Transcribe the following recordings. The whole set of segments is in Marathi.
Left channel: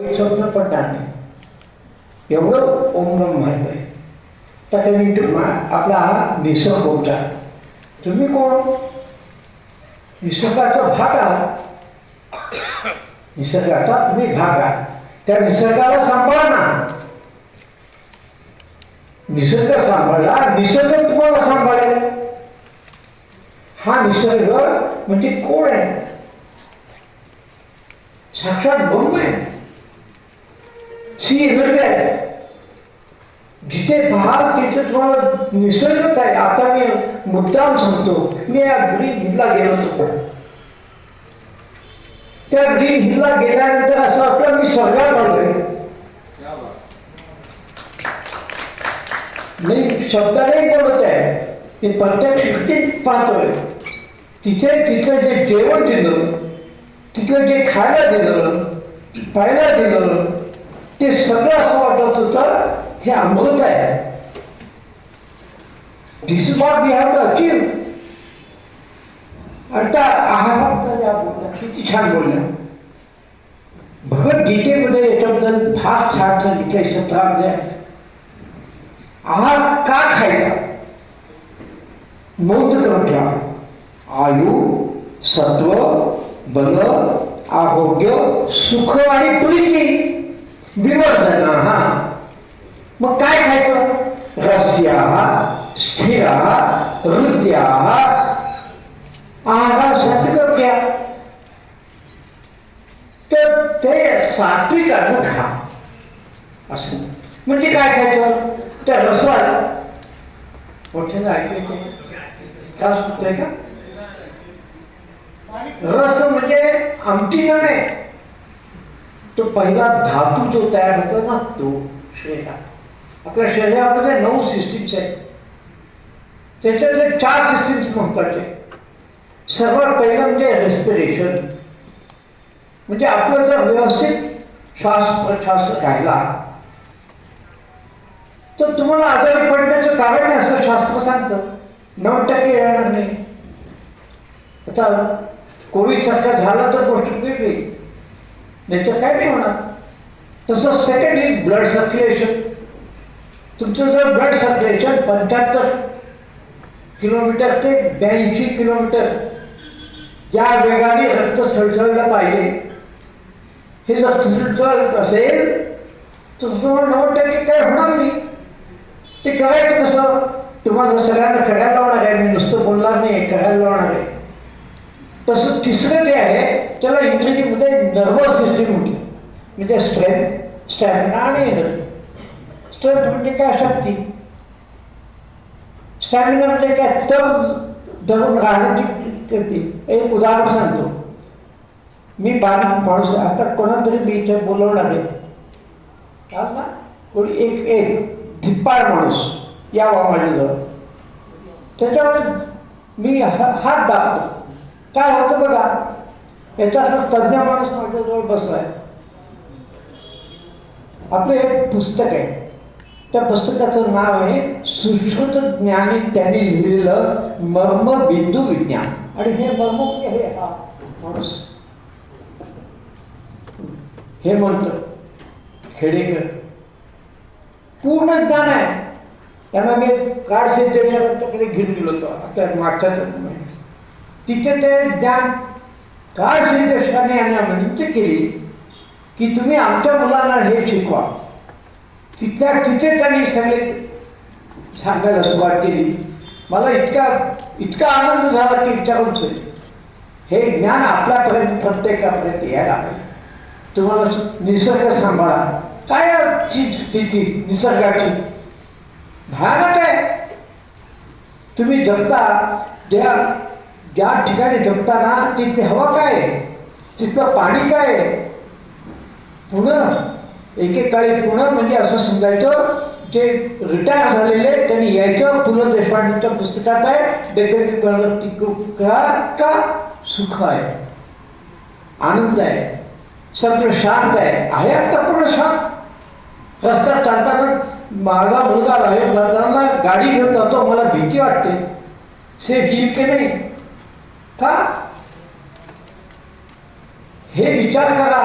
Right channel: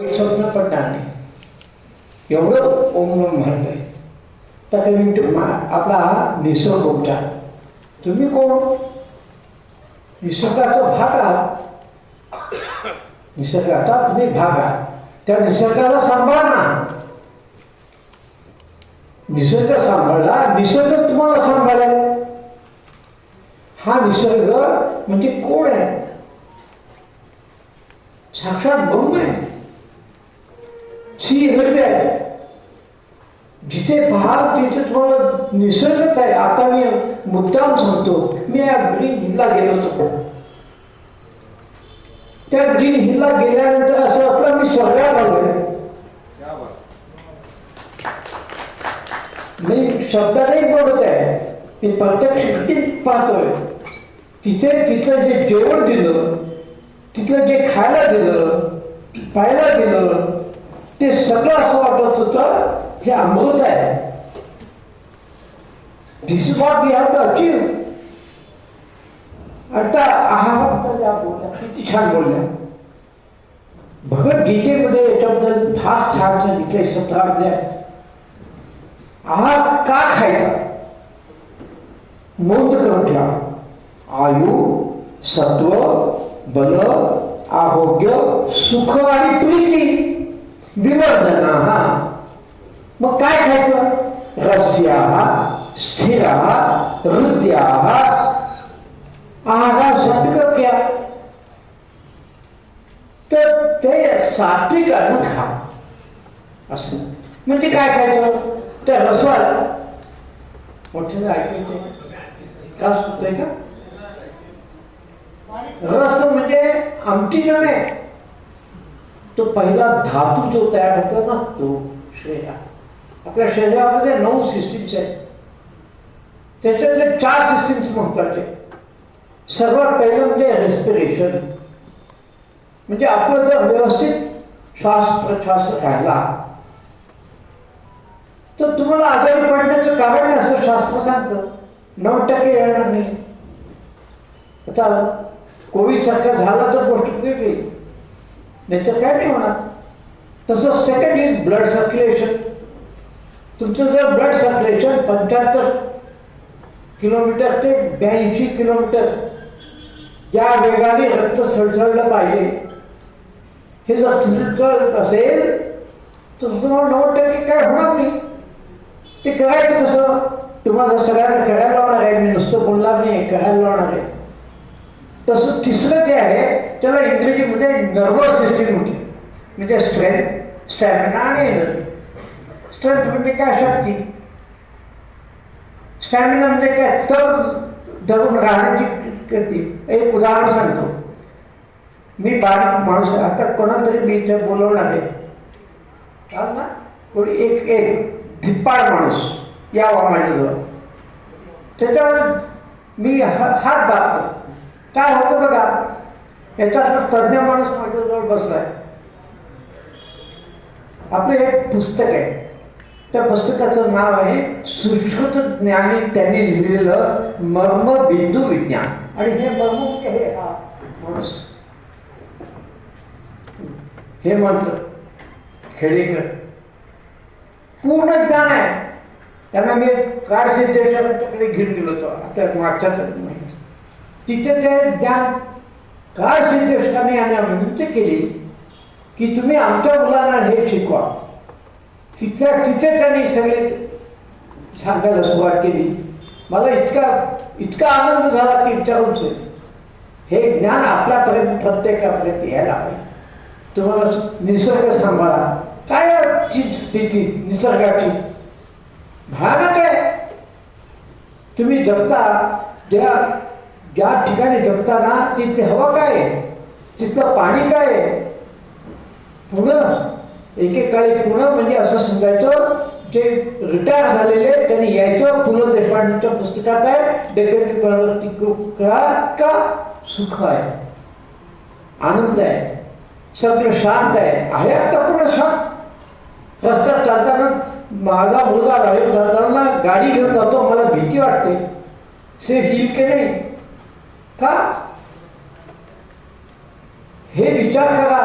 स्वप्न पडणार नाही एवढं ओम महत्व आहे. तर काही आपला हा निसर्ग होता. तुम्ही कोण? निसर्गाचा भाग आहात. निसर्गाचा तुम्ही भाग आहात. त्या निसर्गाला सांभाळा ना. निसर्ग सांभाळला, निसर्ग तुम्हाला सांभाळेल. हा निसर्ग म्हणजे कोण आहे? साक्षात ब्रह्म आहे. आहे. जिथे पाहाल तिथे तुम्हाला निसर्गच आहे. आता मी मुद्दाम सांगतो, मी या ग्रीन हिलला गेलो होतो. त्या ग्रीन हिलला गेल्यानंतर असं आपलं मी स्वर्गात आलोय. मी शब्दाने बोलत आहे, ते प्रत्यक्ष पाहतोय. तिथे तिथलं जे जेवण दिलं, तिथलं जे खायला दिलं, पाहायला दिलं, ते सगळं असं वाटत होतं हे अमृत आहे. This is what we have to achieve. आता किती छान बोलल्या. भगवद्गीतेमध्ये याच्याबद्दल फार छान सांगितलंय. 17 आहार का खायचा? नोंद करून ठेवा. आयु, सत्व, बल, आरोग्य, सुख आणि प्रीती, विवर्धना. मग काय खायचं? रस्या, स्थिर, हृदया, आहारासाठी घ्या. तर ते सात्विक अन्न खा. असं म्हणजे काय खायचं? त्या रसाला मोठ्याला ऐकायचे रस होतोय का? रस म्हणजे आमटी नाही, तो पहिला धातू जो तयार होतो ना, तो शरीरात. आपल्या शरीरामध्ये 9 सिस्टीम्स आहेत. त्याच्यातले 4 सिस्टीम्स महत्वाचे. सर्वात पहिलं म्हणजे रेस्पिरेशन. म्हणजे आपलं जर व्यवस्थित श्वास प्रश्वास राहिला तर तुम्हाला आजारी पडण्याचं कारण आहे असं शास्त्र सांगतं. 9% येणार नाही. आता कोविड सारखा झाला तर गोष्ट वेगळी, त्याचं काय नाही होणार. तसं सेकंड इज ब्लड सर्क्युलेशन. तुमचं जर ब्लड सर्क्युलेशन 75 किलोमीटर ते 82 किलोमीटर या वेगाने रक्त सळसळलं पाहिजे, हे जर असेल तर तुम्हाला 9% काय होणार नाही. ते करायचं कसं? तुम्हाला सगळ्यांना करायला लावणार आहे. मी नुसतं बोलणार नाही, करायला लावणार आहे. तसं तिसरं जे आहे त्याला इंग्रजीमध्ये नर्वस सिस्टीम होती. म्हणजे स्ट्रेंथ, स्टॅमिना आणि एनर्जी. स्ट्रेंथ म्हणजे काय? शक्ती. स्टॅमिना म्हणजे काय? तर धरून राहण्याची करते. एक उदाहरण सांगतो. मी बारीक माणूस, आता कोणाला तरी मी इथे बोलवणार आहे ना, कोणी एक धिप्पाड माणूस यावा माझ्याजवळ. त्याच्यावर मी हात दाबतो. काय होतं बघा, याचा तज्ञ माणूस माझ्याजवळ बसलाय. आपलं एक पुस्तक आहे. त्या पुस्तकाचं नाव आहे सुश्रुत ज्ञानी त्यांनी लिहिलेलं मर्मबिंदू विज्ञान. आणि हे मर्म हे हा माणूस हेमंत खेडेकर पूर्ण ज्ञान आहे. त्यांना मी कार्ड सिद्धेश्वरांच्याकडे घेऊन गेलो होतो आपल्या मागच्या. तिथे ते ज्ञान कार्ड सिद्धेश्वरांनी यांना विनंती केली की तुम्ही आमच्या मुलांना हे शिकवा. तिथे त्यांनी सगळे सांगायला सुरुवात केली. मला इतका आनंद झाला की विचारूनच. हे ज्ञान आपल्यापर्यंत प्रत्येकापर्यंत यायला पाहिजे. तुम्हाला निसर्ग सांभाळा. काय स्थिती निसर्गाची भयानक आहे. तुम्ही जगता ज्या ठिकाणी जगताना तिथे हवा काय आहे, तिथलं पाणी काय आहे. पुणे एकेकाळी पुणे म्हणजे असं समजायचं, जे रिटायर झालेले त्यांनी यायचं. पु ल देशपांडेच्या पुस्तकात आहे, का सुख आहे, आनंद आहे, सगळं शांत आहे. आता पुढे शांत. रस्त्यात चालताना माझा मुलगा बाहेर जाताना गाडी घेऊन जातो, मला भीती वाटते. सेफ येईल की नाही का हे विचार करा.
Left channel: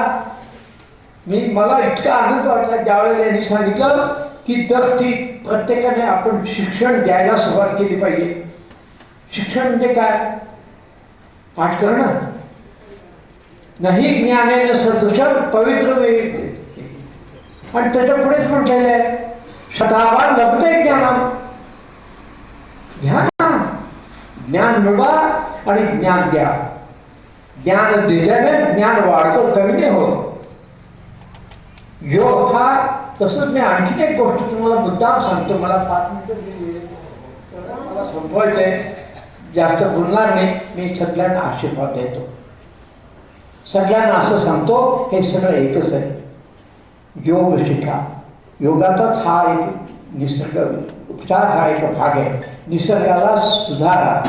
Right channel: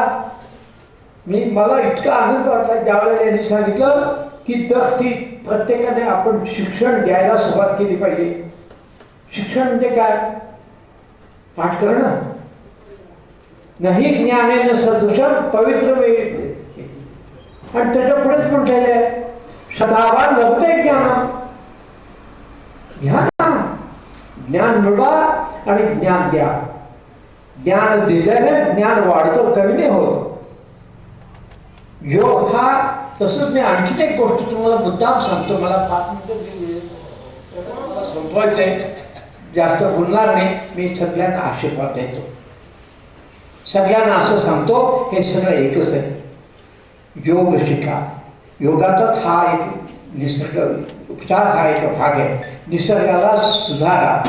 मला इतका आनंद वाटला ज्यावेळेला यांनी सांगितलं की दर ती प्रत्येकाने आपण शिक्षण द्यायला सुरुवात केली पाहिजे. शिक्षण म्हणजे काय? पाठ करणं नाही. ज्ञानेन सदृशं पवित्र वेळ. आणि त्याच्या पुढेच म्हटलेलं आहे सदावा लभते ज्ञान. ज्ञान मिळवा आणि ज्ञान द्या. ज्ञान दिल्याने ज्ञान वाढतं, कमी नाही होत. योग हा तसंच. मी आणखीन एक गोष्ट तुम्हाला मुद्दाम सांगतो. मला 5 मिनिटं मला संपवायचं आहे, जास्त बोलणार नाही. मी सगळ्यांना आशीर्वाद देतो, सगळ्यांना असं सांगतो हे सगळं एकच आहे. योग शिका. योगाचाच हा एक निसर्ग उपचार, हा एक भाग आहे. निसर्गाला सुधारा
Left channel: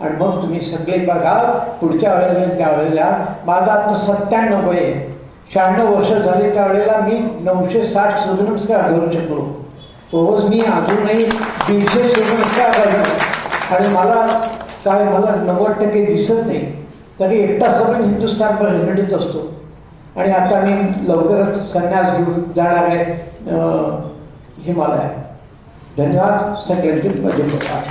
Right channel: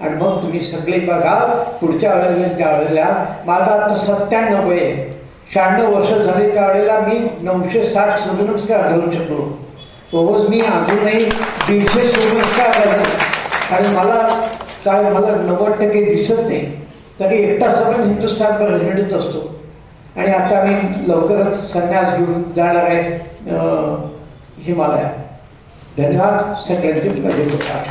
आणि मग तुम्ही सगळे बघा. पुढच्या वेळेला ज्या वेळेला माझा आता 97 आहे, 96 वर्ष झाले, त्यावेळेला मी 960 सूर्यनमस्कार घालू शकलो. रोज मी अजूनही 150 सूर्यनमस्कार घालतो आणि मला 90% दिसत नाही, तरी एकटा सगळं हिंदुस्थानभर हिंडत असतो. आणि आता मी लवकरच संन्यास घेऊन जाणार आहे हिमालयात. धन्यवाद सगळ्यांचे. मजेत होता.